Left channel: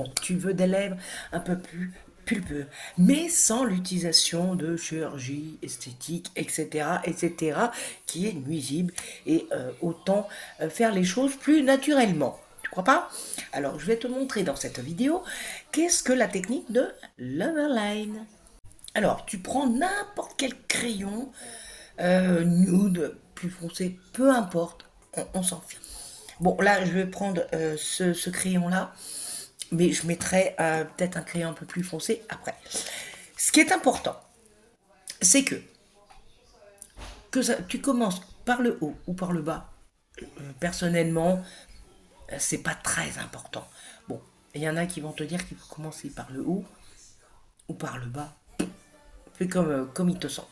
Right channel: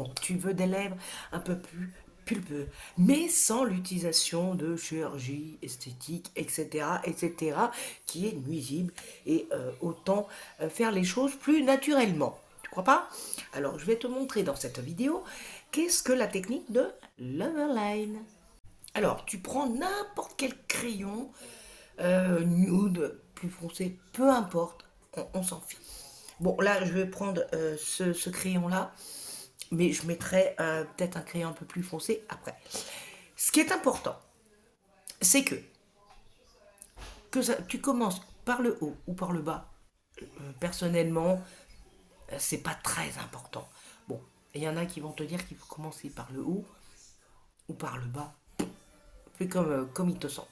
Bon, tu veux des lèvres un peu plus pulpeux, mais sans l'utilisation de chirurgie esthétique, etc., etc., qui est nuisible, et autant faire les choses plus naturellement. Tu crois pas? Alors, je vais te montrer dans cette vidéo qu'est-ce que la technique de l'overline. Alors, tu prends n'importe quel crayon, nude, plus foncé, peu importe, on s'en fiche. Bon, là, je vais prendre ce crayon-là, mais je mettrai peut-être un crayon un peu plus foncé après. Ce qui est important, c'est que tu commences par le haut ou par le bas. Personnellement, c'est pas très important. Bon, il y en a qui vont te dire qu'il faut commencer par le haut ou par le bas. Fais comme il te semble.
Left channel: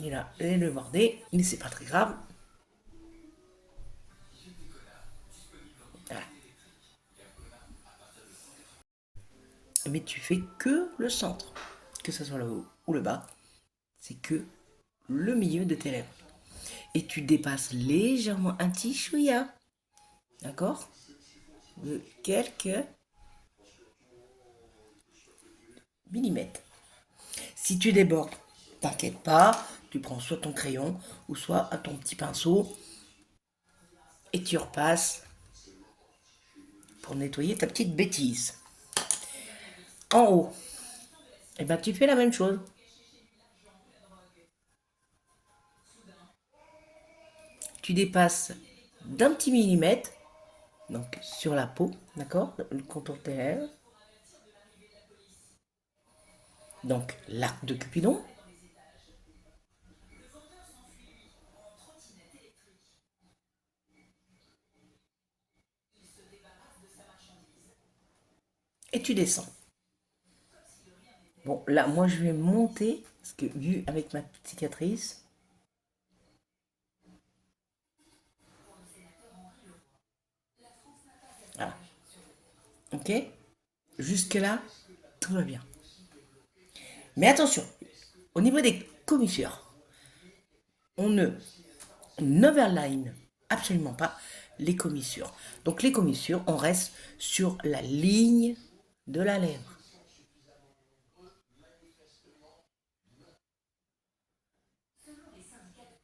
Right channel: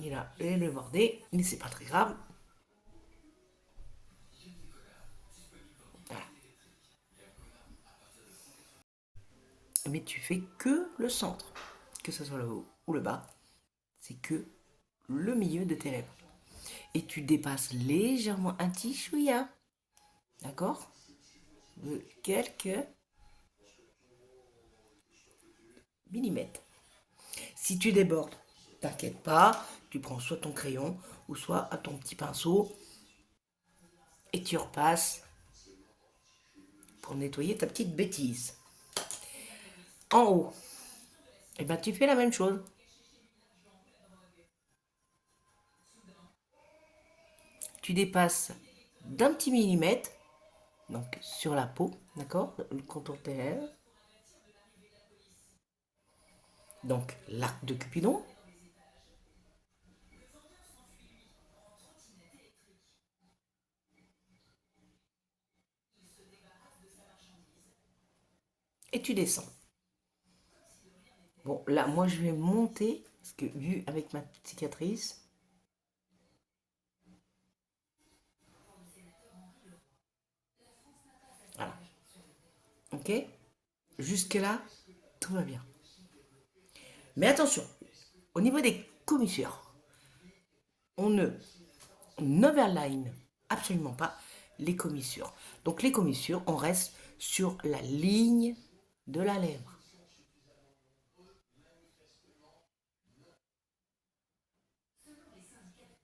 Il a le bordé, mais c'est pas très grave. Voilà. Mais tu fais que le centre, que ce soit le haut ou le bas, c'est que le milieu de tes lèvres. Et tu dépasses légèrement un petit chouïa, d'accord? De quelques millimètres. Si tu débordes, t'inquiète pas, tu prends soit ton crayon ou soit ton petit pinceau et tu repasses pour nettoyer ta petite bêtise. En haut, et ben tu fais la même chose. Tu dépasses d'un petit millimètre, donc sur la peau, d'accord? Le contour de tes lèvres. Donc l'arc de Cupidon. Et tu descends. Bon, là, moi, je vais monter, parce que vu avec ma petite cicatrice, voilà, ok? Jusque-là, tout va bien. Mais attention, au niveau des commissures, on ne n'overline absolument pas les commissures. Donc les commissures, on reste sur la ligne de la lèvre.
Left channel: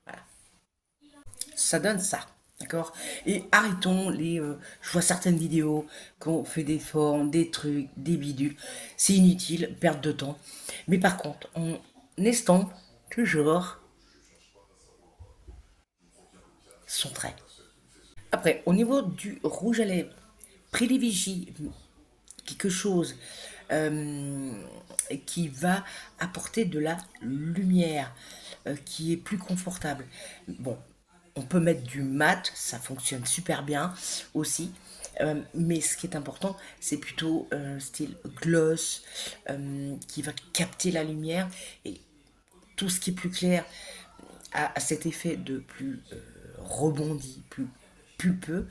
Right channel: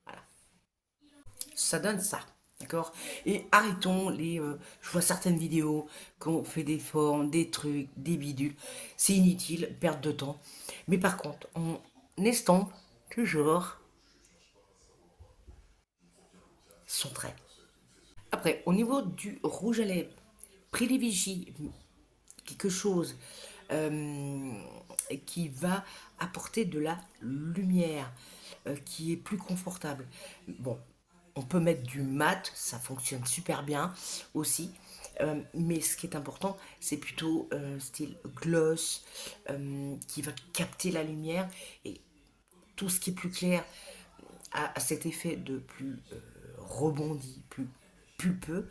Voilà. Ça donne ça. D'accord. Et arrêtons je vois certaines vidéos quand on fait des formes, des trucs, des bidules. C'est inutile, perte de temps. Mais par contre, on estompe toujours son trait. Après, au niveau du rouge à lèvres, privilégie quelque chose euh, qui va apporter de la lumière, qui est plus confortable. Bon, on peut mettre du mat, ça fonctionne super bien aussi. Mais ce qui est important, c'est plutôt style gloss, qui va capter la lumière et tout ce qui est plus clair a cet effet de plus rebondi, plus pulpeux.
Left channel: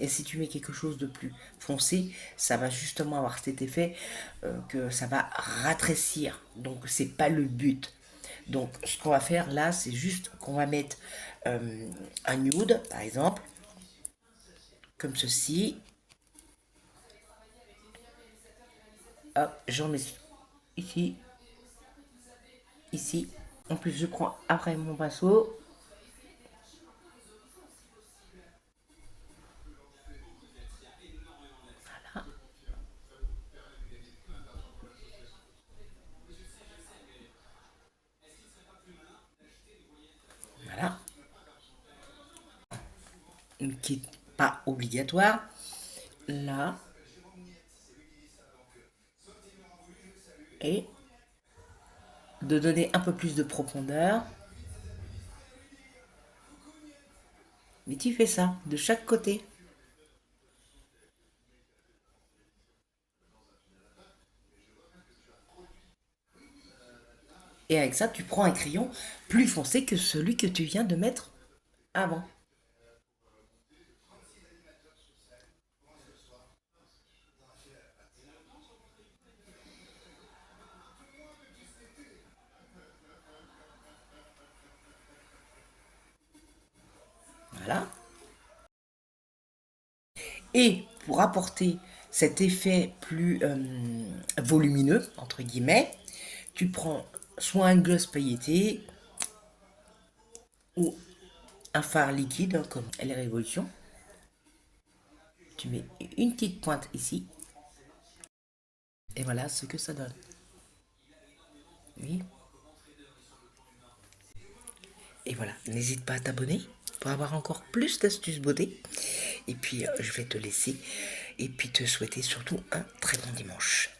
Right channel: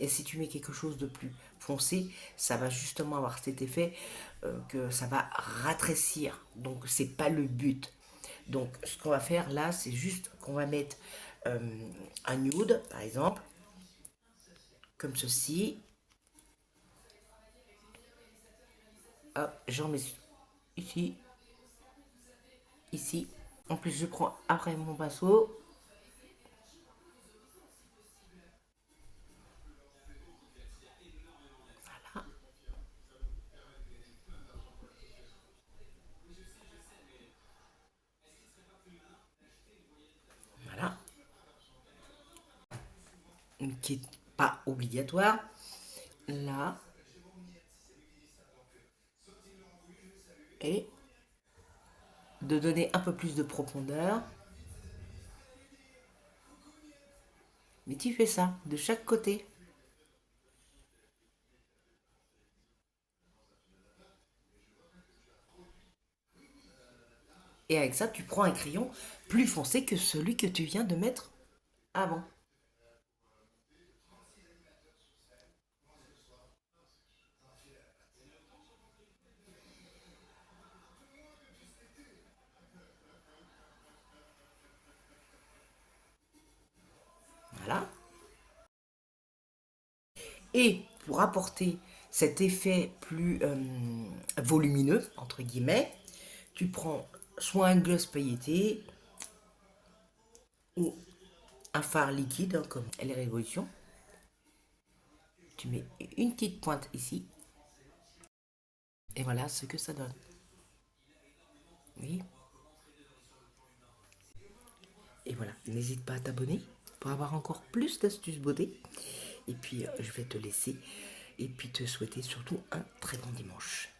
Et si tu mets quelque chose de plus foncé, ça va justement avoir cet effet que ça va ratrécir. Donc c'est pas le but. Donc ce qu'on va faire là, c'est juste qu'on va mettre un nude, par exemple, comme ceci. Hop, j'en mets ici, ici. En plus, je prends après mon pinceau. Voilà, qui est pas obligatoire. Là, et de donner un peu plus de profondeur. Mais tu fais ça de chaque côté. Et avec ça, tu prends un crayon plus foncé que celui que tu viens de mettre avant. Et pour apporter cet effet plus volumineux, entre guillemets, tu prends soit un gloss pailleté ou un fard liquide, comme les Révolution. Tu mets une petite pointe ici. Et voilà ce que ça donne. Oui. Et voilà, n'hésite pas à t'abonner pour avoir encore plus d'astuces beauté. Et puis, je vais te laisser et puis te souhaiter surtout un très bon dimanche.